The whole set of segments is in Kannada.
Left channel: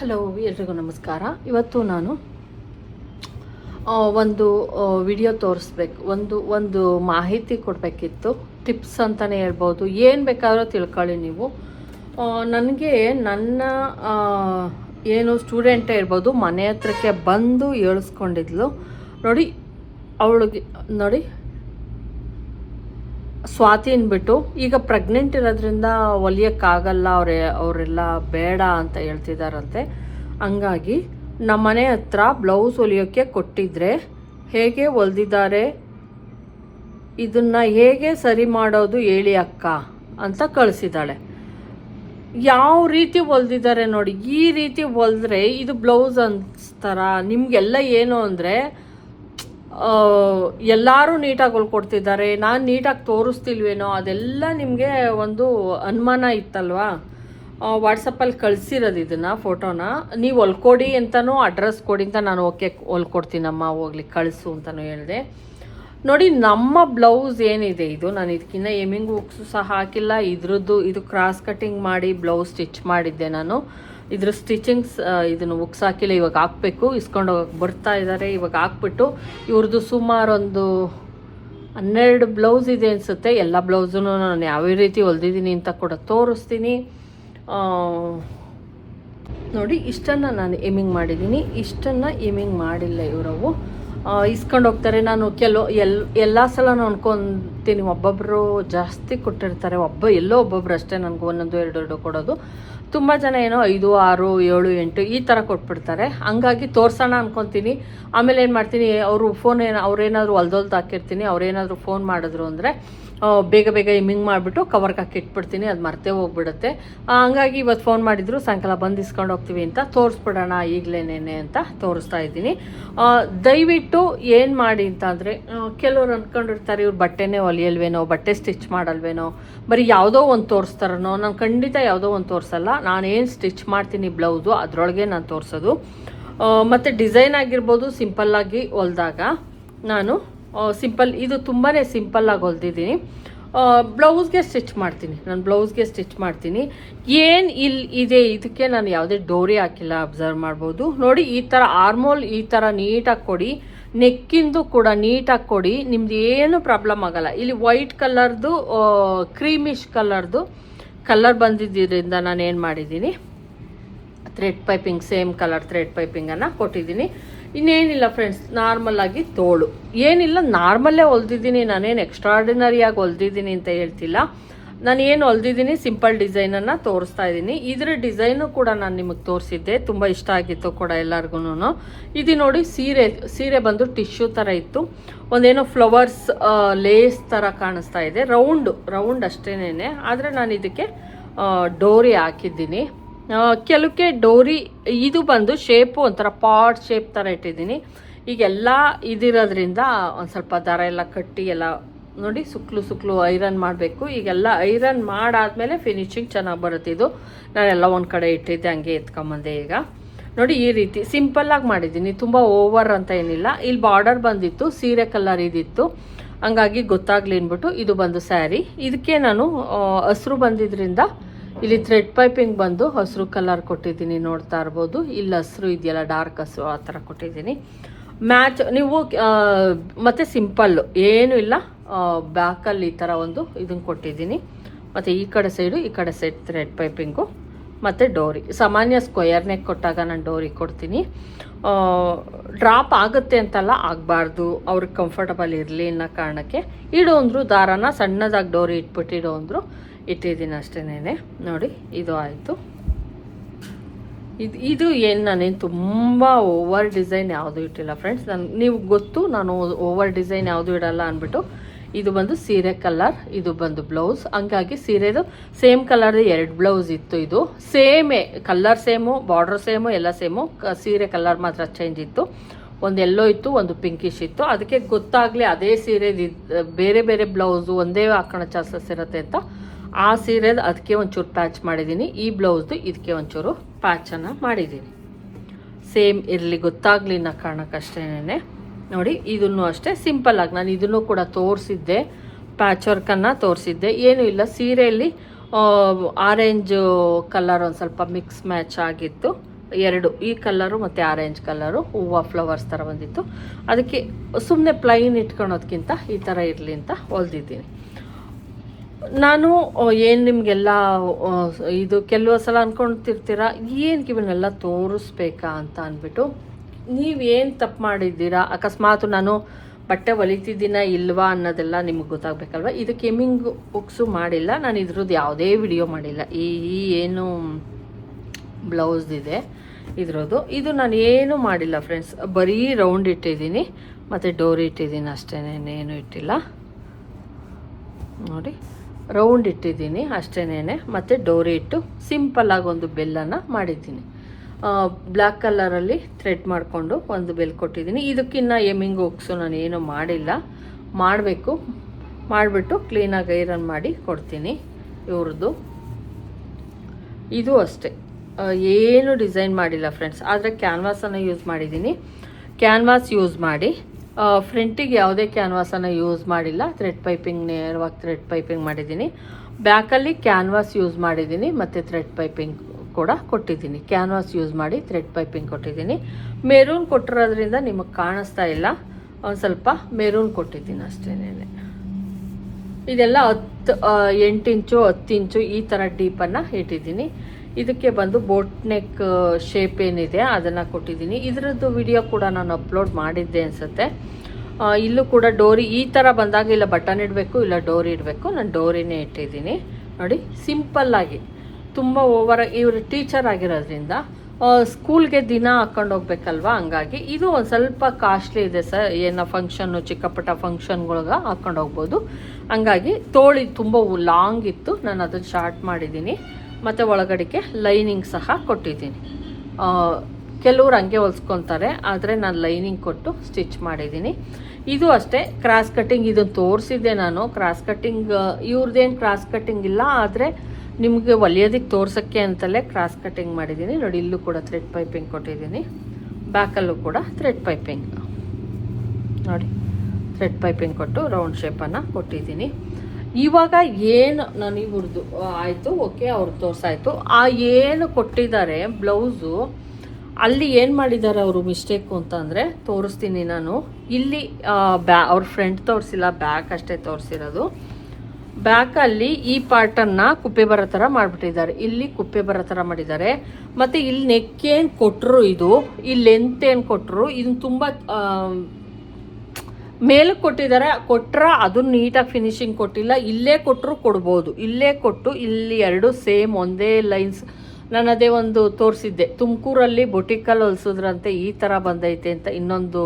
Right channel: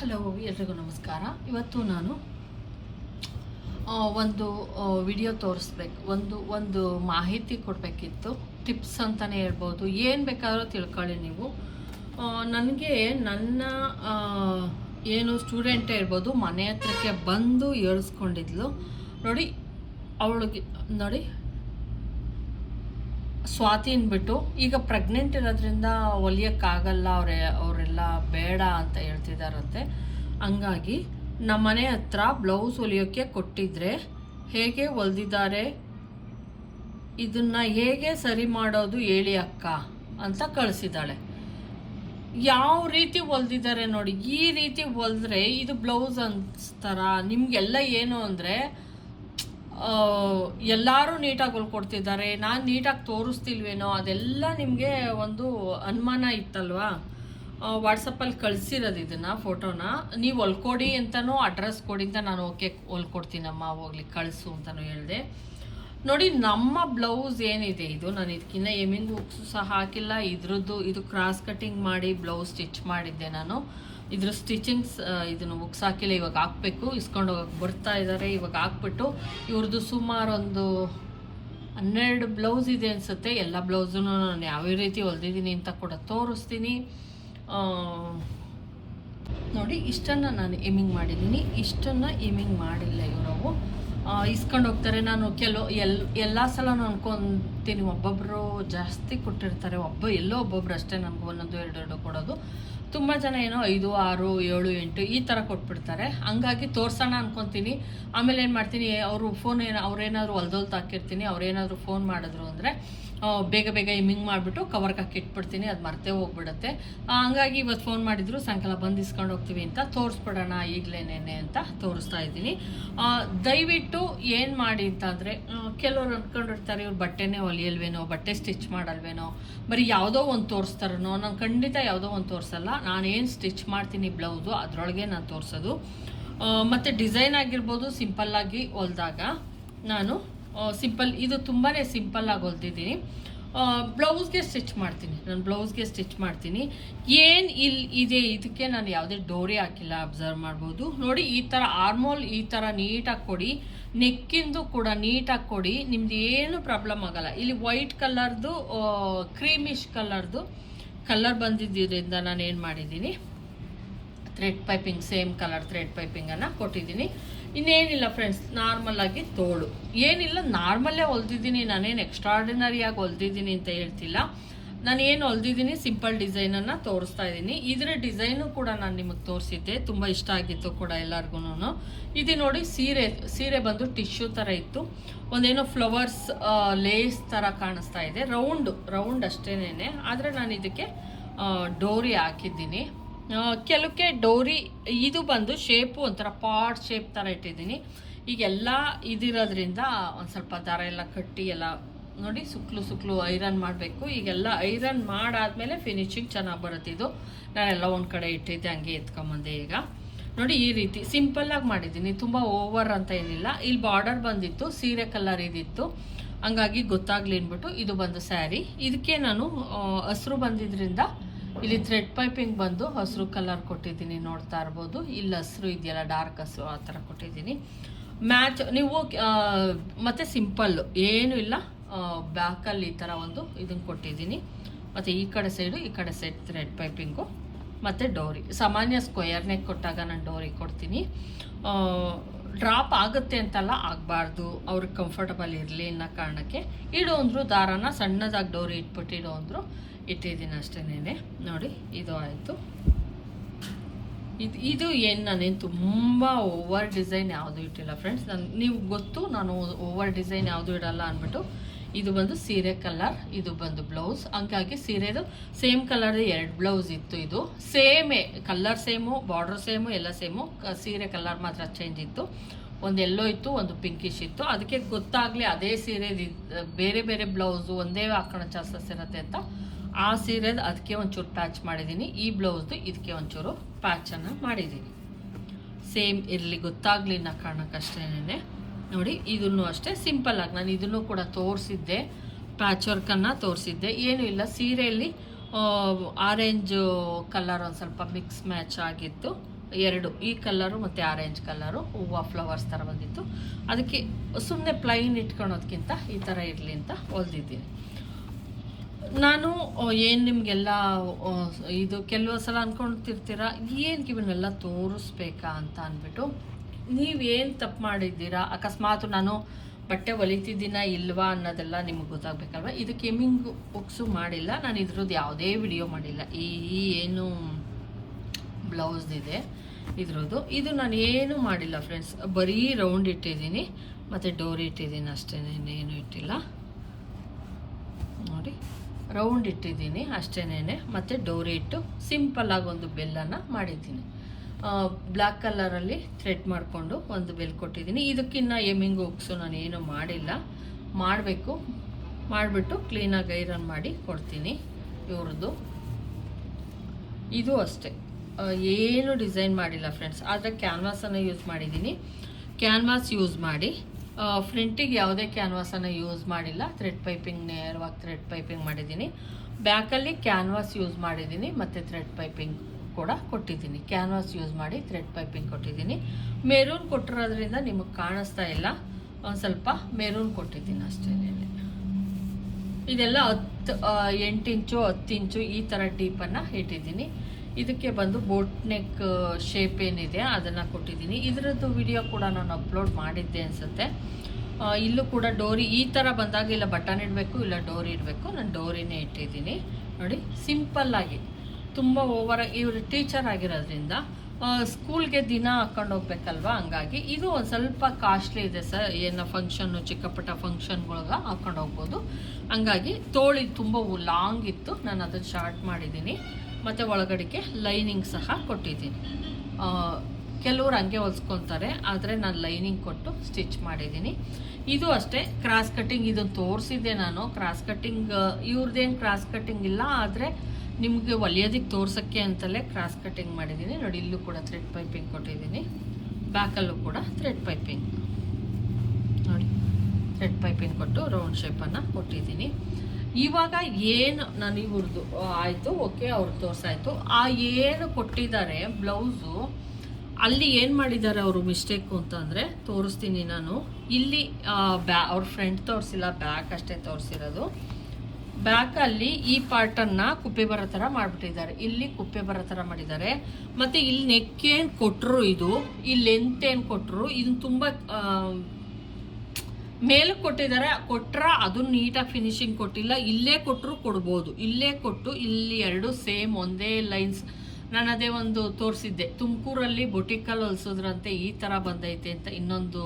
ಹಲೋ ಎಲ್ರಿಗೂ ನಮಸ್ಕಾರ. ಇವತ್ತು ನಾನು ಒಂದು ವಿಡಿಯೋ ತೋರಿಸ್ಬೇಕು. ಒಂದು ಒಂದು ಮಾಹಿತಿ ಕೊಡಬೇಕಿತ್ತು. ಟಿಪ್ಸ್ ಅಂತಲೇ ಹೇಳ್ಬೋದು. ಏನು ಬೇಕಾದರೂ ತಿಳ್ಕೊಳ್ಳಿ ನೀವು. ನನಗೆ ನನ್ನ ಏನು ಸ್ಟೂಡೆಂಟೇ ಇರ್ಬೋದು, ಮನೆ ಹತ್ರಕ್ಕೆ ಬಂದು ಹೇಳಿಸ್ಕೊಂಡಿದ್ಲು. ನೋಡಿ, ಅವಳಿಗೆ, ನೋಡಿ ಸ್ವಾತಿ ಅಂದ್ಬಿಟ್ಟು ಈಗ ಪ್ರೆಗ್ನೆಂಟ್ ಇರೋದ್ರಿಂದ ಹೊಲಿಯೋಕ್ಕಾಗಲ್ಲ ಅವ್ರ, ಅವರೆಲ್ಲ ಬೇಡ ಅಂತ ಹೇಳ್ತಿದಾರಂತೆ. ಹಂಗಾಗಿ ನಮ್ಮನೆ ಹತ್ರ ಬ್ಲೌಸ್ ಹೊಲಿಯೋಕ್ಕೆ ಕೊಟ್ಟಿದ್ರೆ ಹೇಗೆ ಹೊಲ್ದಿದ್ದಾರೆ ಇದನ್ನ ಹೇಗೆ ಸರಿ ಮಾಡೋದು ಹೇಳಿ ಅಕ್ಕ ಅಂತ ಕಳಿಸಿದ್ದಾಳೆ ಯಾವ ರೀತಿ ಹೊಲ್ದಿದ್ದಾರೆ ನೋಡಿ, ಈ ರೀತಿ ಹೊಲ್ದ್ರೆ ಇದು ಬ್ಲೌಸ್ ಅನ್ಸ್ತಾರ ನಿಮಗೆಲ್ಲ ಏನು ಅಂದರೆ ಎಲ್ಲರೂ ನೀಟಾಗಿ ಹೊಲ್ಕೊಡ್ತಿದ್ದಾರೆ ನಾನು ನೀಟಾಗಿ ತೋರಿಸ್ತಿಲ್ವೇನೋ, ಅದೆಲ್ಲ ನಿಮಗೆ ಒಂದು ಅನುಮಾನ ಇತ್ತಲ್ವಾ? ವಾಟ್ಸಪ್ಪಲ್ಲಿ ಕಳಿಸಿರೋದು ಇದನ್ನು, ಫೋಟೋನ. ನೀವು ಹೊಲ್ಕೊಡಿ ಅಂತಲೂ ಅಡ್ರೆಸ್ ಕೊಡಿ ಅಂತ ನಾನು ಓಕೆ ಹೊಲ್ಕೊಡ್ತೀನಮ್ಮ ಹೋಗ್ಲಿ, ಕಳಿಸು ಅಂತಲೂ ಹೇಳಿದೆ. ನೋಡಿ, ನಮ್ಮ ಬ್ಲೌಸ್ ಏನಿದೆ ಇದು? ನಾನು ಇದಕ್ಕಿಂತ ಎಮಿಂಗ್ ಹುಕ್ಸು ಸಹ ಹಾಕಿಲ್ಲ. ಇದ್ರದ್ದು, ಇದು ಕ್ರಾಸ್ ಕಟಿಂಗ್ ಮಾಡಿ, ಬ್ಲೌಸ್ ಸ್ಟಿಚ್ ಮಾಡಿದ್ದೆ ನಾನು. ಇದ್ರ ಸ್ಟಿಚಿಂಗ್ಸ್ ಇದನ್ನು ಹುಕ್ಸ್ ಹಾಕಿಲ್ಲ ಇವಾಗ ಹಾಕ್ಬೇಕು. ಇಸ್ಕೊಂಡು ಬರ್ತಾ ಇದ್ದಾರೆ ಇವಾಗ ಹಾಕ್ಬಿಟ್ಟು ಇವ್ರದ್ದು ಸುಮಾರು ಒಂದು ಹನ್ನೆರಡು ಬ್ಲೌಸ್ ಇದೆ ಅನಿಸುತ್ತೆ. ಎಲ್ಲ ಬ್ಲೌಸೂ ನಾನು ಯಾವ ರೀತಿ ಹೊಲ್ದಿದ್ದೀನಿ ಅಂತ ಕೂಡ ತೋರಿಸ್ತೀನಿ. ನೋಡಿ, ಇಷ್ಟನ್ನು ನಾನು ಏಮಿಂಗ್ ಮಾಡಿದ್ದೀನಿ ಇಷ್ಟನ್ನು ಏಮಿಂಗ್ ಮಾಡಿಲ್ಲ ಇವರವು. ಇಸ್ಕೊಂಡು ಹೋಗ್ತಾರೆ. ನಾನು ಕೆಲವು, ಎಲ್, ಎಲ್ಲ ಸಲ ಅನ್ಕೊತೀನಿ ಒಬ್ಬೊಬ್ಬರು ಜಾಸ್ತಿ ಕೊಟ್ಟಿರ್ತಾರೆ. ಒಬ್ಬ ಎಲ್ಲೋ ಒಬ್ಬೊಬ್ರು ಅಷ್ಟೇ, ನನಗೆ ಒಂದೊಂದು, ಎರಡು ಎರಡು ಕೊಡೋದು. ತುಂಬ ಜನ ಏನೋ ಐದು, ಆರು, ಏಳು, ಎಂಟು ಈ ಥರ ಕೊಟ್ಬಿಡ್ತಾರೆ. ಹಂಗಾಗಿ ತೋರ್ಸೋಣ ಅನ್ಕೊತೀನಿ. ಆಮೇಲೆ ಏನು ಮಾಡ್ತೀನಿ, ಅವರು ಫೋನ್ ಏನು ಅವ್ರೇನಾದ್ರು ಹೊಲ್ದೊಲ್ದು ಹಾಕಿರ್ತೀನಿ ಅವರೇನಾದರೂ ಫೋನ್ ಮಾಡಿದ್ರು ಅಂದರೆ ಬೇಗ ಬೇಗ ಇಮಿಂಗ್ ಮಾಡಿಬಿಟ್ಟು ಕವರ್ಗೆ ಹಾಕಿ ಇಟ್ಬಿಡ್ತೀನಿ, ಅದು ಮರ್ತೇ ಹೋಗ್ಬಿಡುತ್ತೆ. ಹಂಗಾಗಿ ಇವತ್ತು ಫೋನ್ ಮಾಡಿದ್ರು, ಸಾಯಂಕಾಲ ಬಂದು ಇಸ್ಕೊಂಡು ಹೋಗ್ತೀವಿ ಅಂತ ತೋರಿಸ್ಬಿಡೋಣ ಈಗಲೇನೇನೆ ಅಂತ ತೋರಿಸ್ತಾ ಇದ್ದೀನಿ. ದಯವಿಟ್ಟು ಏನು ಮಾಡಿ ಅಂತಂದರೆ ಕೆಲವ್ರು ಅಂದ್ಕೊಂಡಿರ್ತಾರೆ ಇವ್ರು ಬಟ್ಟೆನೇ ಹೊಲಿಯಲ್ವೇನೋ, ಬಟ್ಟೆ ಸ್ಟಿಚ್ ಮಾಡಲ್ವೇನೋ, ಬರೀ ಯಾವುದೋ ಒಂದು ತೋರಿಸ್ತಾರನೋ, ನಾನು ಖಂಡಿತ ಯಾವುದೋ ಒಂದು ತೋರಿಸಲ್ಲ. ನಾನು ಏನು ಸ್ಟಿಚ್ ಮಾಡ್ತೀನಿ ಬ್ಲೌಸು, ಅದರೊಳಗೆ ನಾನು ತೋರಿಸೋದು. ಮತ್ತು ಡಿಸೈನ್ ಆಗಿರ್ಬೋದು ಸಿಂಪಲ್ಲಾಗಿ ಹೊಲ್ದಾಗ. ನಾನು ಸಿಂಪಲ್, ಇದು ತುಂಬಾ ಸಿಂಪಲ್ಲಾಗಿ ಹೊಲ್ದಿದ್ದೀನಿ. ಬ್ಲೌಸ್ಗೆ ಸ್ಟಿಚ್ ಮಾಡ್ತೀನಿ. ನಾನು ಬ್ಲೌಸ್ಗೆ ಸ್ಟಿಚ್ ಮಾಡ್ತೀನಿ. ಏನು ಇಲ್ಲಿ ಇದೆ, ಇದಕ್ಕೆ ನಾನು ಯಾವುದೇ ಡೋರಿ ಹಾಕಿಲ್ಲ, ಅಬ್ಸರ್ವ್ ಮಾಡ್ಬೋದು. ನೋಡಿ, ಈ ಥರ ಆರ್ಮೋಲ್ ಈ ಥರ ನೀಟಾಗಿ ಕೊಡಿ. ನೆಕ್ಕಿಂದು ಕೂಡ ನೀಟಾಗಿ ಕೊಡಿ. ನಿಮ್ದು ಏನು ಪ್ರಾಬ್ಲಮ್ ಆಗಲ್ಲ. ಇಲ್ಲಿ ವೈಟ್ ಕಲರ್ದು ಕ್ರೀಮಿಶ್ ಕಲರ್ದು ಕಲರ್ ಬಂದಿದ್ದರಿಂದ ನಾನು ಏನು ಮಾಡಿದ್ದೀನಿ thread piping same colour thread ಪೈಪಿಂಗನ್ನು ಕೊಟ್ಟಿದ್ದೀನಿ. ಇನ್ನೇನಿಲ್ಲ ಫ್ರೆಂಡ್ಸ್ ನಾರ್ಮಲ್ ಆಗಿ ತೋಳು. ಏನಿಲ್ಲ ನಾರ್ಮಲ್ಲೇ ಹೊಲ್ದಿದ್ದೀನಿ, ನಾನೇನು ಎಕ್ಸ್ಟ್ರಾರ್ಡಿನರಿಯಾಗಿ ಹೊಲ್ದಿದ್ದೀನಿ ಅಂತ ಹೇಳ್ತಿಲ್ಲ. ನಾನು ಏನು ಹೊಲ್ದಿದ್ದೀನಿ ಸಿಂಪಲ್ ಡಿಸೈನನ್ನು ತೋರಿಸ್ತಾ ಇದ್ದೀನಿ. ಇದರ ಡಿಸೈನು ಕೂಡ ನಾನು ನಿಮಗೆ ತೋರಿಸಿದ್ದೆ. ತುಂಬ ಇಷ್ಟ ಆಗಿತ್ತು ಕೂಡ ಎಲ್ಲರಿಗೂ ಇದು ನೋಡಿ ಸೀರೆ ಸೀರೆ ಬಂದು ಟಿಶ್ಯೂ ಥರ ಇತ್ತು. ಒಂದೇನೋ ಫ್ಲವರ್ಸ್ ಲೇಸ್ ಥರ ಕಾಣಿಸ್ತಾ ಇದೆ. ರೌಂಡು, ರೌಂಡ್ ಅಷ್ಟೇನೆ ಆದರೆ ನಾನು ಇದಕ್ಕೆ ಡೋರಿ ಹಾಕಿದ್ದೀನಿ. ಕೆಲವಕ್ಕೆ ಡೋರಿ, ಇದು ಬಂದು ಶೇಪು ಒಂಥರ ಪಾಟ್ ಶೇಪ್ ಥರ ಇಟ್ಟಿದ್ದೀನಿ. ಈಗೆಲ್ಲ ಇದಿರೋದ್ರಿಂದ ಒಂದು ಸ್ವಲ್ಪ ದಾರ ಎಲ್ಲ ಕಟ್ಟಿ ಎಲ್ಲ ನೋಡಿ, ಸುಕ್ಲು ಸುಕ್ಲು ಐರನ್ ಮಾಡಬೇಕು. ಈಗೆಲ್ಲ ಐರನ್ ಮಾಡಾದಮೇಲೆ ಫಿನಿಶಿಂಗ್ ಚೆನ್ನಾಗಿ ಬರುತ್ತೆ ಇದು. ನಾನೆಲ್ಲ ಒಂದು ಕಡೆ ಇಟ್ಟಿದ್ದೆ, ಹಂಗೆ ಎತ್ಕೊಂಬಂದೆ ಈಗ. ನೋಡಿ, ಈ ರೀತಿ ಸಿಂಪಲ್ಲಾಗಿ ಮಾಡಿದ್ದೀನಿ. ತುಂಬ ಓವರ್ ಅಂತ ಏನಿಲ್ಲ. ಇಲ್ಲಿ ಬಾರ್ಡರ್ ಬಂದಿತ್ತು, ಸೀರೆ ಕಲರ್ ಇದಿತ್ತು. ಹಂಗಾಗಿ ಗೊತ್ತಾಗ್ಲಿ ಅಂದ್ಬಿಟ್ಟು ಇದು ಬಂದು ಸ್ಯಾರಿ ಇದಕ್ಕೆ ನಾನು ಹಸಿರು ಬಂದಿದ್ದರಿಂದ ಇಲ್ಲಿ ಥ್ರೆಡ್ ಪೈಪಿಂಗ್ ಬಂದು ಹಸಿರು ಕಲರ್ ಕೊಟ್ಟಿದ್ದೀನಿ ನೋಡ್ತಾ ಇರ್ಬೋದು. ಇಲ್ಲಿ ಹಸಿರು ಇದೆಯಲ್ಲ ಡಾರ್ಕ್ ಹಸಿರು ಆ ಥರ ಕೊಟ್ಟಿದ್ದೀನಿ. ಮ್ಯಾಚ್, ನೀವು ಮತ್ತೆ ಸಿಂಪಲ್ಲು ಏನೂ ಇಲ್ಲ. ಬ್ಯಾಕಲ್ಲಿ ಈ ಥರ ಒಂದು ಇದನ್ನು ಕೊಟ್ಟಿದ್ದೀನಿ. ಮತ್ತು ಈ ಕಡೆ ಸೈಡು ಈ ಕಡೆ ಸೈಡ್ ಥ್ರೆಡ್ ಪೈಪಿಂಗು ಮತ್ತು ಡೋರಿ. ಸಾಮಾನ್ಯ ಸ್ಕ್ವಯರ್ ನೆಕ್ ಕೊಟ್ಟಾಗ ನಾನು ಡೋರಿ ಕೊಡ್ತೀನಿ. ಡ್ರಾಪ್ ಆಗುತ್ತೆ ಅಂತಲ್ಲ ಆಗಬಾರ್ದು. ಅವ್ರಿಗೆ ಕಂಫರ್ಟಬಲ್ ಇರಲಿ ಅನ್ನೋ ಕಾರಣಕ್ಕೆ. ಇಡು ಅಂದರು ದಾರಾನ, ಸಣ್ಣದಾಗಿ ಡೋರಿ ಇಟ್ಬಿಟ್ಟು ಅಂದರು. ಇಟ್ಟಿದ್ದೀನಿ ಅಷ್ಟೇನೆ ನೋಡಿ, ಇದು ಆಯಿತು. ಇದು ಇದು ಏನು ನಾನೇನು ತುಂಬ ಓವರ್ ಡಿಸೈನ್ ಯಾವುದೂ ಇಟ್ಟಿಲ್ಲ ಫ್ರೆಂಡ್ಸ್ ನಾನು, ನೀವು ಗೊತ್ತು ನಾನು ಓವರ್ ಡಿಸೈನ್ ಯಾವುದೂ ಇಡಲ್ಲ ಅಂದ್ಬಿಟ್ಟು ಇದು ಬಂದು ಸೀರೆ ಕಲರ್ ಇದು ಬಂದು ಬ್ಲೌಸ್ ಹಂಗಾಗಿ ಸೀರೆದು ಸೇಮ್ ಕಲರ್ ಎರಡು ಬ್ಲೌಸ್ ಇತ್ತು ಇದು. ಸೇಮೇ ಕಲರ್ ಸೇಮು ಬಾರ್ಡರ್ ಸೇಮು ಎಲ್ಲ ಸೇಮು ಸೀರೆ ಕಲರ್ ಮಾತ್ರ ಚೇಂಜ್ ಇತ್ತು. ಒಂದು ಎಲ್ಲೋ ಇತ್ತು, ಒಂದು ಪಿಂಕಿಶ್ ಇತ್ತು. ಅದಕ್ಕೆ ಗೊತ್ತಾಗಲಿ ಅದೇ ಸೀರೆದು ಬೇರೆ ಬೇರೆ ಬ್ಲೌಸು ಒಂದೇ ಹಾಕೋಣ ಚಾನ್ಸಸ್ ಇರುತ್ತೆ ಅಂತ. ಆ ಸೀರೆದು ಅದಕ್ಕೆ ಒಂಚೂರು ಪ್ಯಾಚ್ ಮಾಡಿದ್ದೀನಿ ಈ ಬ್ಲೌಸ್ದು ಇದಕ್ಕೆ ಒಂಚೂರು ಪ್ಯಾಚನ್ನು ಮಾಡಿದ್ದೀನಿ ಸೇಮ್ ಇರಲಿ ಗೊತ್ತಾಗಲಿ ಅನ್ನೋ ಕಾರಣಕ್ಕಷ್ಟೇನೆ ನೋಡಿ, ಇದನ್ನು ಅಷ್ಟೇ ಸಿಂಪಲ್ ಆಗಿ ನಾನು ಇದನ್ನು ಕೂಡ ತೋರಿಸಿದ್ದೆ. ಪ್ಯಾಚ್ ವರ್ಕನ್ನು ತೋರಿಸಿದ್ದೆ. ಏನೂ ಇಲ್ಲ, ಸೀರೆಯಲ್ಲಿ ಆರೆಂಜ್ ಕಲರ್ ಒಂದು ಸ್ವಲ್ಪ ಮಿಕ್ಸ್ ಮ್ಯಾಚ್ ಆಗಿತ್ತು. ಎರಡು, ಈ ಕಲರು ಮತ್ತು ಆರೆಂಜ್ ಕಲರು ಹೂವು ಫ್ಲವರ್ಸ್ ಥರ ಬಂದಿತ್ತು. ಅದಕ್ಕೆ ಸುಮ್ಮನೆ ಪ್ಲೈನ್ ಇಟ್ಕೊಳೋದ್ಕಿಂತ ಈ ಥರ ಇರಲಿ ಅಂತ ಹೊಲ್ದಿದ್ದೀನಿ. ನಾನು ಏನು ನಿಮಗೆಲ್ಲ ಇದು ಕೆಲವು ಸಲ ಅಂದ್ಕೊಳ್ತಿರ್ತೀರ ಏನು ಇವನ್ನೆಲ್ಲ ತೋರಿಸ್ಬೇಕಾ ಅಂತ ಅಂದ್ಬಿಟ್ಟು ನೀವೇನು ತಪ್ಪು ಮಾಡಿದ್ದೀರಾ? ಅಕಸ್ಮಾತ್ ನಾನು ಬಟ್ಟೆ ಹೊಲಿತಿದ್ದೀನ ಇಲ್ವಾ ಅನ್ನೋದೆಲ್ಲ ನಿಮ್ಗೆ ಗೊತ್ತಾಗಬೇಕಲ್ವ? ಇದು ಕೆಮ್ಮಿಂಗ್ ಬುಕ್ಸು ಮಾಡಿಲ್ಲ, ನಾನು ಇದ್ರದ್ದು ಯಾವುದೇ ವಿಡಿಯೋ ಮಾಡಿಲ್ಲ. ಈ ಈ ಏನು ಬ್ಲೌಸ್ದಿದೆ ಇದ್ರದ್ದು. ಇದು ನಾನು ಏನು ಮಾಡಿಲ್ಲ ಫ್ರೆಂಡ್ಸ್. ಬರೀ ರೌಂಡ್ ಇಟ್ಟಿದ್ದೀನಿ, ಮತ್ತು ಡೋರ್ ಇಟ್ಟಿದ್ದೀನಿ ಅಷ್ಟೇ ಏನು ಇಟ್ಟಿಲ್ಲ. ನೋಡಿ. ರೌಂಡ್ ಇಟ್ಟಿದ್ದೀನಿ ಅಷ್ಟೇನೆ ಮತ್ತು ಡೋರಿ ಇಟ್ಟು ಸಿಂಪಲ್ಲಾಗಿ ಒಂದು ಬೆಲ್ಲನ ಮಾಡಿದ್ದೀನಿ. ಬ್ಲ್ಯಾಕ್ ಕಲರಲ್ಲಿ ಥ್ರೆಡ್ ಮಾಡಿಕೊಂಡು ಒಂದು ಬೆಲ್ ಕೊಟ್ಟಿದ್ದೀನಿ. ಇದಕ್ಕಿನ್ನ ಎಮ್ಮಿಂಗ್ ಹೋಗ್ಸು ನಾನು ಏನು ಮಾಡಿಲ್ಲ. ಮಾಡಬೇಕು. ಮಾಡಿಬಿಟ್ಟು ಕ್ಲೀನಾಗಿ ಐರನ್ ಮಾಡಿ ಕೊಡ್ತೀನಿ ಇವ್ರದ್ದು. ಇದು ಅಷ್ಟೇ. ಏನು ಡಿಸೈನ್ ಮಾಡಿಲ್ಲ ಫ್ರೆಂಡ್ಸ್ ಆದರೆ ಕ್ಯಾನ್ವಾಸನ್ನು ಯೂಸ್ ಮಾಡಿದ್ದೀನಿ. ಕ್ಯಾನ್ವಾಸ್ ಯೂಸ್ ಮಾಡಿ ಫ್ರಂಟಿಗೆ ಯಾವುದೇ ಕ್ಯಾನ್ವಾಸನ್ನು ಯೂಸ್ ಮಾಡಿಲ್ಲ. ಥ್ರೆಡ್ ಪೈಪಿಂಗ್ ನೇರವಾಗಿ ಥ್ರೆಡ್ ಪೈಪಿಂಗ್ ಮಾಡಿದ್ದೀನಿ. ಬ್ಯಾಕಲ್ಲಿ ಕ್ಯಾನ್ವಾಸ್ ಯೂಸ್ ಮಾಡಿದ್ದೀನಿ. ಮತ್ತು ಥ್ರೆಡ್ ಪೈಪಿಂಗ್ ಕೂಡ ಕೊಟ್ಟಿದ್ದೀನಿ. ಕ್ಯಾನ್ವಾಸ್ ಯೂಸ್ ಮಾಡಿ ಥ್ರೆಡ್ ಪೈಪಿಂಗ್ ಕೊಟ್ಟಿದ್ದೀನಿ. ಮೆರೂನ್ ಕೊಟ್ಟಿರೋದ್ರಿಂದ ನಿಮಗೆ ಕಾಣಿಸ್ತಾ ಇಲ್ಲ. ಒಂದು ಸ್ವಲ್ಪ ಮೆರೂನ್ ಕೊಟ್ಟಿದ್ದೀನಿ ಅಷ್ಟೇ ಇದೆಲ್ಲ ಹತ್ತು ಎಂಟು ಇಂಚು, ಹತ್ತು ಇಂಚು ಈ ಥರ ಡೀಪನ್ನು ಇಟ್ಟಿದ್ದೀನಿ. ಇದಕ್ಕೆ ಬಂದು ಬೋಟ್ ನೆಕ್ ಶೇಪ್ ಏನಿದೆ ಅದನ್ನು ಕೊಟ್ಟಿದ್ದೀನಿ. ಇದರದ್ದು ವಿಡಿಯೋ ಕೂಡ ನಾನು ಅಪ್ಲೋಡ್ ಮಾಡಿದ್ದೆ ಅನಿಸುತ್ತೆ. ಇಲ್ಲೂ ಕೂಡ ಡೋರಿ, ಈ ಥರ ಬಂದಾಗ ಇಲ್ಲ ಬಟನ್ ಇಡಬೇಕು, ಇಲ್ಲ ಡೋರಿ ಇಡಬೇಕು, ನಾನು ಡೋರಿನೇ ಇಟ್ಟಿದ್ದೀನಿ. ನೋಡಿ ಸಿಂಪಲ್ಲಾಗಿ ತುಂಬ ಓವರ್ ಇವರು ಟೀಚರ್ ಆಗಿರೋದ್ರಿಂದ ಸ್ಕೂಲ್ಗೆ ದಿನ ಹಾಕೊಂಡು ಹೋಗ್ಬೇಕಲ್ವಾ? ಹಂಗಾಗಿ ಇದು ಒಂದು ಸ್ವಲ್ಪ ಕಾಸ್ಟ್ಲಿ ಇದೆ ಸರ್. ಏನೋ ಫಂಕ್ಷನ್ನು ಚಿಕ್ಕ ಫಂಕ್ಷನ್ ಫಂಕ್ಷನ್ಗಳ್ಗೆ ಹಾಕೊಂಡು ಹೋಗ್ಬೋದು. ಹಂಗಾಗಿ ತೋಳಿ ತುಂಬ ಲಾಂಗ್ ಇತ್ತು. ನಾನು ಅದನ್ನು ಶಾರ್ಟ್ ಮಾಡಿದ್ದೀನಿ. ಮತ್ತು ಒಳಗಡೆಗೆ ಲೈನಿಂಗ್ ಸಹ ಕೊಟ್ಟಿದ್ದೀನಿ. ಕೆಲವ್ರು ಹಂಗೆ ಹೊಲ್ಸ್ಕೊತಾರೆ, ಆದರೆ ನಾನು ಲೈನಿಂಗ್ ಕೊಟ್ಟು ಸ್ಟಿಚ್ ಮಾಡಿದ್ದೀನಿ. ಇದು ಅಷ್ಟೇ ಕ್ರಾಸ್ ಕಟ್ಟಿಂಗ್ ಇದನ್ನು ತೋರಿಸಿದ್ದೆ ನಾನು. ಕ್ರಾಸ್ ಕಟ್ಟಿಂಗ್ ಇವ್ರದ್ದೇನು ಕ್ರಾಸ್ ಕಟ್ಟಿಂಗ್ ಇಲ್ಲ, ಆದರೆ ನಿಮಗೆ ಹೊಲಿಯೋದಕ್ಕೆ ತೋರ್ಸೋಕ್ಕೆ ಅಂತಲೇ ಕ್ರಾಸ್ ಕಟ್ಟಿಂಗ್ ಮಾಡಿದ್ದೀನಿ. ನೋಡಿ, ಇಲ್ಲೂ ಕೂಡ ಥ್ರೆಡ್ ಪೈಪಿಂಗ್ ಕೊಟ್ಟಿದ್ದೀನಿ. ಬ್ಯಾಕಲ್ಲೂ ಕೂಡ ಥ್ರೆಡ್ ಪೈಪಿಂಗ್ ನೋಡಿ ಥ್ರೆಡ್ ಪೈಪಿಂಗ್ ಕೊಟ್ಟು ರೌಂಡ್ ಶೇಪನ್ನು ಕೊಟ್ಟಿದ್ದೀನಿ. ಇವಾಗ ಏನು, ನಾನು ಇವ್ರದ್ದು ಆಯಿತು, ಓಕೆ, ಅವ್ರು ತೋರ್ಸಾಯಿತು. ಆ ಏನು ಕೊಟ್ಟಿದ್ದಾರೆ ಬ್ಲೌಸು, ಅಲ್ಲಿ ಏನು ಮಾಡಿದ್ದಾರೆ ಅವರು ಮಿಸ್ಟೇಕು ಅಂತಂದರೆ ತೋರಿಸ್ತೀನಿ ನಾನು. ಇಲ್ಲಿ ಬ್ಯಾ, ಅವ್ರ ಫ್ರೆಂಡ್ ತೋರಿಸಿಲ್ಲ ಬ್ಯಾಕ್ ಅಷ್ಟೇ ತೋರಿಸಿರೋದು. ಬ್ಯಾಕಲ್ಲಿ ಈ ಪಾರ್ಟನ್ನು ಕುಪ್ಪೆ ಬರೋ ಥರ ಮಾಡಿಬಿಟ್ಟಿದ್ದಾರೆ. ಇಲ್ಲಿ ಕುಪ್ಪೆ ಬರೋ ಥರ ಮಾಡಿದ್ದಾರೆ. ಮತ್ತು ಇಲ್ಲಿ ನೆಕ್ಕೇನು ಕೊಟ್ಟರು ಇದು? ಈ ಲೆಂತ್ ಏನು ಕೊಟ್ಟರು ಇದನ್ನು ತುಂಬ ಮೇಲೆ ಕೊಟ್ಟಿದ್ದಾರೆ ಕೊಟ್ರ ಅದು ನೀಟಾಗಿ ಫಿನಿಶಿಂಗ್ ಕೊಟ್ಟಿಲ್ಲ. ಇಲ್ಲೇ ಕೊಟ್ಟರು ಕೊಡ್ಬೋದು. ಇಲ್ಲೇ ಕೊಟ್ಟು ಇಲ್ಲಿ ಎರಡು ಸೇಮ್ ಒಂದೇ ಲೈನ್ಸ್ ನಾನು ಅದೇ ಒಂದು ತೋರಿಸಿದ್ದೆ. ತುಮಕೂರಲ್ಲಿ ಬೊಟಿಕಲ್ ಹೊಲಿಸಿದ್ರಂತೆ ಈ ಥರ ಬಂದೈತೆ ಅಂತ ಇನ್ನೊಂದು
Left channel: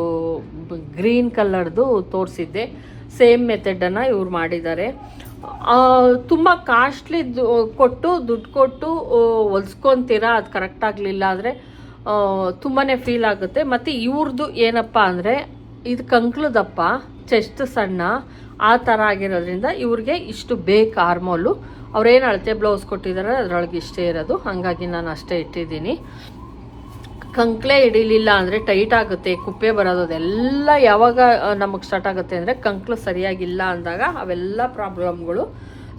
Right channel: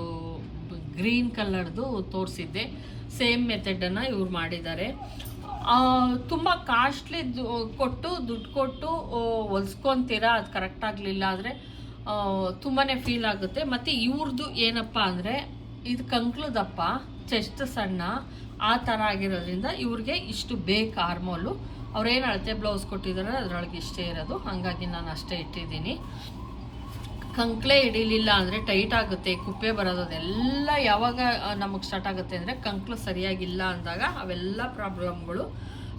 ಗ್ರೀನ್ ಕಲರ್ದು ತೋರಿಸಿದ್ದೆ. ಸೇಮ್ ಮೆಥಡನ್ನು ಇವ್ರು ಮಾಡಿದ್ದಾರೆ. ತುಂಬ ಕಾಸ್ಟ್ಲಿ ಕೊಟ್ಟು, ದುಡ್ಡು ಕೊಟ್ಟು ಹೊಲ್ಸ್ಕೊತೀರಾ? ಅದು ಕರೆಕ್ಟ್ ಆಗಲಿಲ್ಲ ಆದರೆ ತುಂಬಾ ಫೀಲ್ ಆಗುತ್ತೆ. ಮತ್ತು ಇವ್ರದ್ದು ಏನಪ್ಪ ಅಂದರೆ ಇದು ಕಂಕ್ಳು ದಪ್ಪ ಚೆಸ್ಟ್ ಸಣ್ಣ, ಆ ಥರ ಆಗಿರೋದ್ರಿಂದ ಇವ್ರಿಗೆ ಇಷ್ಟು ಬೇಕು ಆರ್ಮೋಲು ಅವ್ರೇನು ಅಳತೆ ಬ್ಲೌಸ್ ಕೊಟ್ಟಿದ್ದಾರೆ ಅದರೊಳಗೆ ಇಷ್ಟೇ ಇರೋದು. ಹಾಗಾಗಿ ನಾನು ಅಷ್ಟೇ ಇಟ್ಟಿದ್ದೀನಿ. ಕಂಕ್ಲೆ ಹಿಡಿಲಿಲ್ಲ ಅಂದರೆ ಟೈಟ್ ಆಗುತ್ತೆ, ಕುಪ್ಪೆ ಬರೋದು ಅದೆಲ್ಲ ಯಾವಾಗ ನಮಗೆ ಸ್ಟಾರ್ಟ್ ಆಗುತ್ತೆ ಅಂದರೆ ಕಂಕ್ಳು ಸರಿಯಾಗಿಲ್ಲ ಅಂದಾಗ ಅವೆಲ್ಲ ಪ್ರಾಬ್ಲಮ್ಗಳು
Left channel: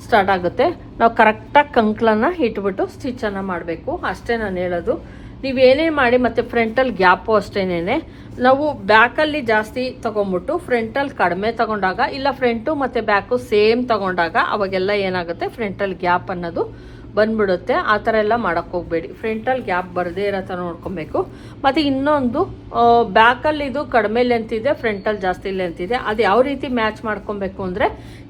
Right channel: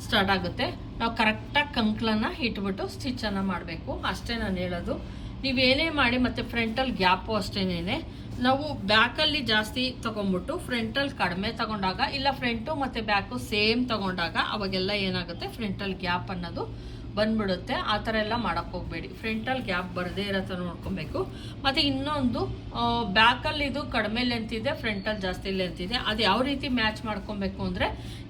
ಸ್ಟಾರ್ಟ್ ಆಗುತ್ತೆ. ನಾವು ಕರೆಕ್ಟಾಗಿ ಕಂಕ್ಲನ್ನು ಇಟ್ಬಿಟ್ಟು ಸ್ಟಿಚನ್ನು ಮಾಡಬೇಕು. ಅಷ್ಟೇ ನಾನು ಹೇಳೋದು. ನೀವೇನೇ ಮಾಡಿ ಮತ್ತು ಫ್ರಂಟಲ್ಲಿ ಗ್ಯಾಪು ಅಷ್ಟೇನೆ ನಾವು ಬ್ಯಾಕಲ್ಲಿ ಜಾಸ್ತಿ ತಗೊಂಬಿಟ್ಟು ಫ್ರಂಟಲ್ಲಿ ಕಡಿಮೆ ತಗೊಂಡಾಗ, ಇಲ್ಲ ಫ್ರಂಟು ಮತ್ತು ಬ್ಯಾಕು ಸೇಮ್ ತಗೊಂಡಾಗ ಅವಾಗೆಲ್ಲ ಏನಾಗುತ್ತೆ? ಫ್ರಂಟಲ್ಲಿ ಗ್ಯಾಪ್ ಅನ್ನೋದು ಬಂದ್ಬಿಡುತ್ತೆ. ಆ ಥರ ಎಲ್ಲ ಮಾಡೋಕ್ಕೆ ಹೋಗಬೇಡಿ. ಫ್ರಂಟಲ್ಲಿ ಗ್ಯಾಪ್ ಬರದೇ ಇರೋ ಥರ ನೋಡ್ಕೊಬೇಕು. ಮತ್ತು ಇನ್ನೊಂದು ಬ್ಯಾಕಲ್ಲಿ ಇದು ಕಡಿಮೆ ಲೆಂತ್ ಇದೆ ಫ್ರಂಟಲ್ಲಿ ಜಾಸ್ತಿ ಲೆಂತ್ ಇದೆ. ಅದು ಯಾವ ರೀತಿ ಮ್ಯಾಚ್ ಮಾಡ್ಕೊಬೇಕು ಅಂದರೆ,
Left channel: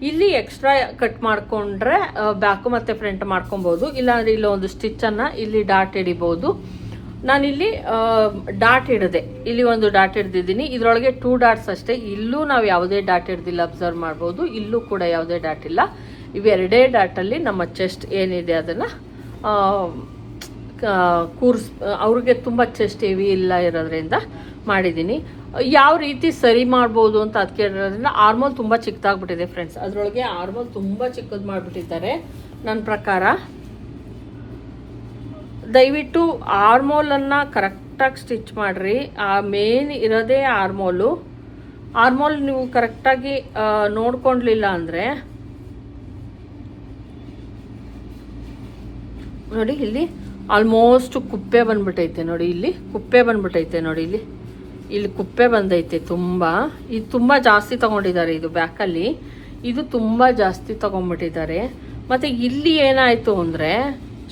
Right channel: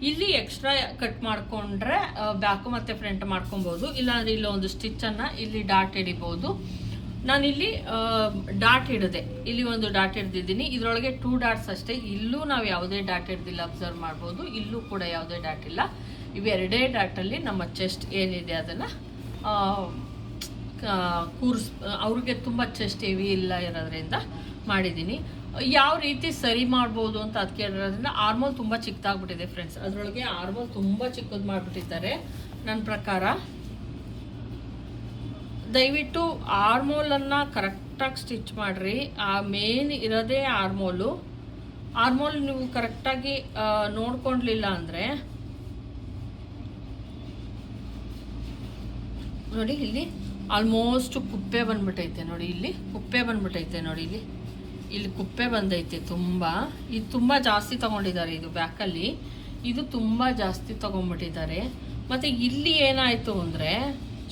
ಇಲ್ಲಿ ಎಕ್ಸ್ಟ್ರಾ ಕಟ್ ಮಾಡಿಕೊಂಡ್ರೆ ಬ್ಯಾಕು ಮತ್ತು ಫ್ರಂಟ್ ಮಾಡ್ಕೊಬೋದು. ಇಲ್ಲಾಂದರೆ ಇಲ್ಲೊಂದು ಸ್ಟಿಚ್ಚನ್ನು ಇಲ್ಲಿ ಡಾಟ್ ಹಿಡಿಬೋದು. ನಾನಿಲ್ಲಿ ಡಾಟ್ ಹಿಡಿದೆ. ಇಲ್ಲಿ ಒಂದು ಡಾಟ್ ಹಿಡ್ದಿದ್ದೀನಿ. ಇದರೊಳಗೆ ಟೂ ಡಾಟ್ಸ್ ಅಷ್ಟೇ. ಇಲ್ಲೂ ನಾವು ಯಾವುದೇ ಡಾಟ್ ಹಿಡ್ದಿಲ್ಲ ಅಬ್ಸರ್ವ್ ಮಾಡ್ಬೋದು. ಇಲ್ಲೂ ಕೂಡ ಯಾವುದೇ ಡಾಟ್ ಇಲ್ಲ. ಇವೆರಡೇ ಡಾಟಲ್ಲಿ ನಮ್ಮ ಚೆಸ್ಟ್ ಏನಿದೆ ಅದನ್ನು ಕೂರ್ಸ್, ಅವ್ರಿಗೆ ತುಂಬ ಚೆಸ್ಟ್ ಹೆವಿ ಇಲ್ಲ ಇರೋದ್ರಿಂದ ಮಾಡಿದ್ದೀನಿ. ಯಾವ ರೀತಿ ಸರಿ ಮಾಡ್ಬೋದು ಅಂತ ಅದು ಕೇಳಿರೋದ್ರಿಂದ ಆರ್ಮೋಲ್ ತುಂಬ ಚಿಕ್ಕದಾಗ್ಬಿಟ್ಟಿದೆ ಫ್ರೆಂಡ್ಸ್ ಅದರೊಳಗೆ ಆರ್ಮೋಲ್ ತುಂಬ ಚಿಕ್ಕದು ಮಾಡಿಬಿಟ್ಟಿದ್ದಾರೆ. ನನ್ನ ಪ್ರಕಾರ ದಯವಿಟ್ಟು ಆರ್ಮೋಲನ್ನು ಕರೆಕ್ಟಾಗಿ ಸ್ಟಿಚ್ ಮಾಡಿರಿ. ಆ ಮೇನ್ ಇರೋದೇ ಆರ್ಮೋಲು. ಆರ್ಮೋಲ್ ನೀವು ಕರೆಕ್ಟಾಗಿ ನೋಡ್ಕೊಂಡ್ಲಿಲ್ಲ ಅಂದರೆ ನೋಡಿ ಇಲ್ಲಿ ಆಲ್ಮೋಸ್ಟ್ ಕುಪ್ಪೆ ಬಂದ್ಬಿಟ್ಟೈತೆ ನೋಡಿ ಇಲ್ಲಿ. ಕುಪ್ಪೆ ಬಂದ್ಬಿಟ್ಟೈತೆ ನೋಡಿ ಇಲ್ಲಿ. ಇಲ್ಲಿ ಕುಪ್ಪೆ ಬಂದೈತೆ ತುಂಬ. ಇದು ತುಂಬ ಜಾಸ್ತಿ ತಗೊಂಡಿದ್ದಾರೆ ಇದು ಬ್ಯಾಕಲ್ಲಿ. ಇದು ತುಂಬ ಜಾಸ್ತಿ ತಗೊಂಡ್ಬಿಟ್ಟಿದ್ದಾರೆ. ಮತ್ತು ಇಲ್ಲಿ ಏನಾಯಿತು ಅಂದರೆ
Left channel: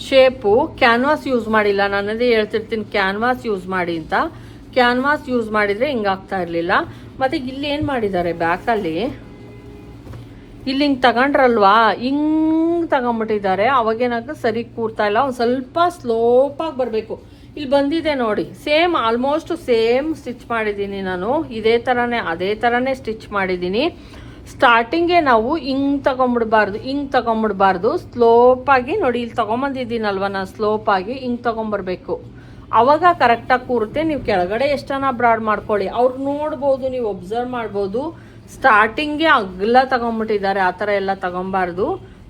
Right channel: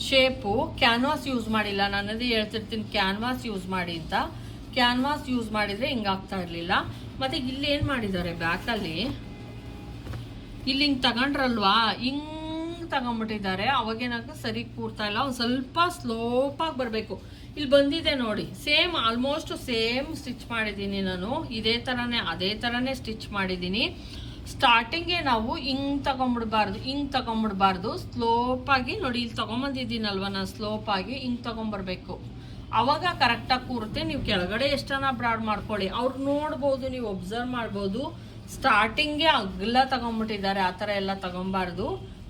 ಶೇಪು ಕ್ಯಾನ್ವಾಸ್ ಯೂಸ್ ಮಾಡಿಲ್ಲ. ನಾನು ಅದೇ ಹೇಳ್ತಿರ್ತೀನಿ, ಕ್ಯಾನ್ವಾಸ್ ಯೂಸ್ ಮಾಡಿ ಅಂತ. ಕ್ಯಾನ್ವಾಸ್ ಯೂಸ್ ಮಾಡಿದರೆ ಹಿಂಗಾಗ್ತಾ ಇರಲಿಲ್ಲ. ಮತ್ತು ಇಲ್ಲಿ ಏನು ಮಾಡಿದ್ದಾರೆ ಬ್ಯಾಕಲ್ಲಿ? ಇಲ್ಲಿ ಹಿಂಗೆ ತಗೊಂಡ್ರಲ್ವಾ? ಹಿಂಗೆ ತಗೊಂಬಿಟ್ಟಿದ್ದಾರೆ. ಅವಾಗೇನಾಗ ಸರಿ ಕೂರ್ತಾ ಇಲ್ಲ. ಒಂದು ಸ್ವಲ್ಪ ಸ್ಲೋಪಾಗಿ ಬರಬೇಕು. ಇಲ್ಲಿ ಬಂದಿದೆ ನೋಡಿ. ಸೇಮ್ ಆಲ್ಮೋಸ್ಟ್ ಸೇಮ್ ಸ್ಟಿಚ್ ಮಾಡಿದ್ದೀನಿ ನಾನು. ಇದೇ ಥರನೇ ಅದೇ ಥರನೇ ಸ್ಟಿಚ್ ಮಾಡಿದ್ದೀನಿ. ಸ್ಟಾರ್ಟಿಂಗೇ ನಾವು ಹಿಂಗ್ ತಗೊಂಬಿಡ್ಬಾರ್ದು ಹಿಂಗ್ ತಗೊಂಬಿಡ್ಬಾರ್ದು. ಸ್ಲೋಪಾಗಿ ನೋಡಿ, ಇಲ್ಲಿ ತಗೊಂಬಂದಿದ್ದೀನಲ್ವ ನಾನು ಸ್ಲೋಪಾಗಿ ಹಿಂಗ್ ತಗೊಂಬರ್ಬೇಕು. ಅವಾಗ ಕರೆಕ್ಟಾಗಿ ಕೂರುತ್ತೆ. ನೀವು ಕೆಳಗಡೆ ಎಷ್ಟನ ಬ್ರಾಡ್ ಮಾಡ್ಕೊಳ್ಳಿ. ಅವ್ರು ನೋಡ್ಬೋದು, ನೀವು ಒಬ್ಸರ್ವ್ ಮಾಡ್ಬೋದು. ಸ್ಟಾರ್ಟಿಂಗೇ ಅಗ್ಲ ತಗೊಂಬಿಟ್ಟಿದ್ದಾರೆ. ಆ ಥರ ಎಲ್ಲ ತಗೊಂಬಾರ್ದು.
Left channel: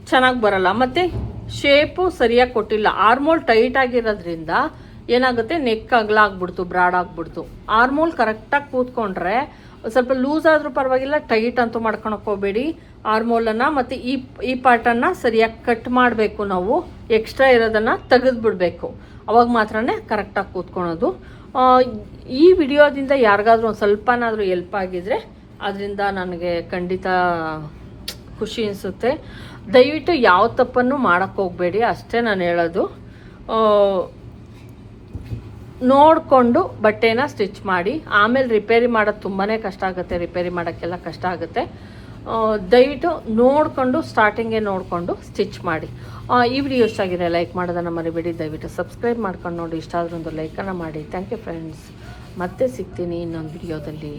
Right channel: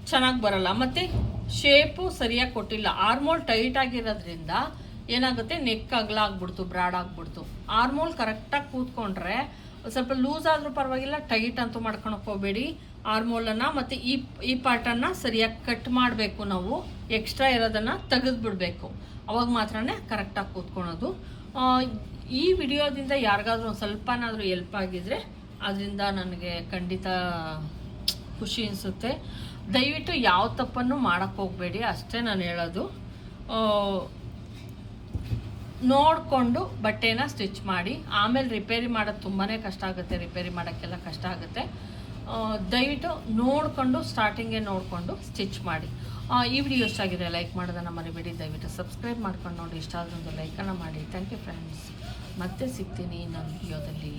ಚೆನ್ನಾಗಿ ಬರಲ್ಲ. ಮತ್ತು ಶೇಪು ಸರಿಯಾಗಿ ಕೊಟ್ಟಿಲ್ಲ. ಆರ್ಮೋಲ್ ಟೈಟ್ ಆಗಿರೋದ್ರಿಂದ ಏನಾಗುತ್ತೆ? ನೆಕ್ ಅಗ್ಲ ಆಗ್ಬಿಡ್ತು ಬ್ರಾಡ್ ಆಗ್ಬಿಡ್ತು. ಆರ್ಮೋಲ್ ಕರೆಕ್ಟಾಗಿ ಕೂತ್ಕೊಂಡ್ರೆ ಸ್ವಲ್ಪ ಲೂಸ್ ಆದ್ರೂ ಪರವಾಗಿಲ್ಲ ಟೈಟ್ ಅಂತೂ ಮಾಡ್ಕೊಳಕ್ ಹೋಗ್ಬೇಡಿ. ಆರ್ಮೋಲನ್ನು ಮತ್ತು ಈ ಈ ಪಾರ್ಟನ್ನು ಸರಿಯಾಗಿ ಕಟ್ ಮಾಡಬೇಕು ನಾವು. ಎಕ್ಸ್ಟ್ರಾ ಇರೋದನ್ನು ತೆಗೆದುಬಿಡ್ಬೇಕು. ಅವಾಗ ಮಾತ್ರನೇ ಕರೆಕ್ಟಾಗಿ ಕೂತ್ಕೊಳೋದು. ಈ ವಿಡಿಯೋದಿಂದ ಯಾರಿಗಾದ್ರೂ ಒಂದು ಸ್ವಲ್ಪನಾದರೂ ಎಲ್ಪ್ ಆಗಿದ್ರೆ ಅದರಿಂದ ನನಗೆ ಖಂಡಿತ ಖುಷಿ ಅನಿಸುತ್ತೆ. ದಯವಿಟ್ಟು ಯಾವ ತಪ್ಪನ್ನು ಮಾಡೋಕ್ಕೆ ಹೋಗಬೇಡಿ, ಅಷ್ಟೇ ನಾನು ಹೇಳೋದು. ನೋಡಿಕೊಂಡು ಬಟ್ಟೆನ ಸ್ಟಿಚ್ ಮಾಡಿ, ಆಮೇಲೆ ರಿಪೇರಿ ಮಾಡೋದು ತುಂಬಾ ಕಷ್ಟ ಆಗುತ್ತೆ, ರಿಪೇರಿ ಮಾಡೋಕ್ಕೆಲ್ಲ ಕಷ್ಟ ಆಗುತ್ತೆ. ದಯವಿಟ್ಟು ನೋಡಿಕೊಂಡು ಸ್ಟಾರ್ಟಿಂಗೆ ನೋಡಿಕೊಂಡು ಸ್ಟಿಚ್ ಮಾಡಿ. ಈ ವಿಡಿಯೋ ಇಷ್ಟ ಆಗಿದೆ ಲೈಕ್ ಮಾಡೋದನ್ನು ಮರಿಬೇಡಿ. ದಯವಿಟ್ಟು ಸಬ್ಸ್ಕ್ರೈಬ್ ಮಾಡ್ಕೊಂಡು ನೋಡಿ. ಇಷ್ಟ ಒಂದು ಲೈಕನ್ನು ಮಾಡಿ. ಥ್ಯಾಂಕ್ ಯು ಫ್ರೆಂಡ್ಸ್ ಮತ್ತೆ ಸಿಗ್ತೀನಿ ಇನ್ನೊಂದು ವಿಡಿಯೋದಲ್ಲಿ.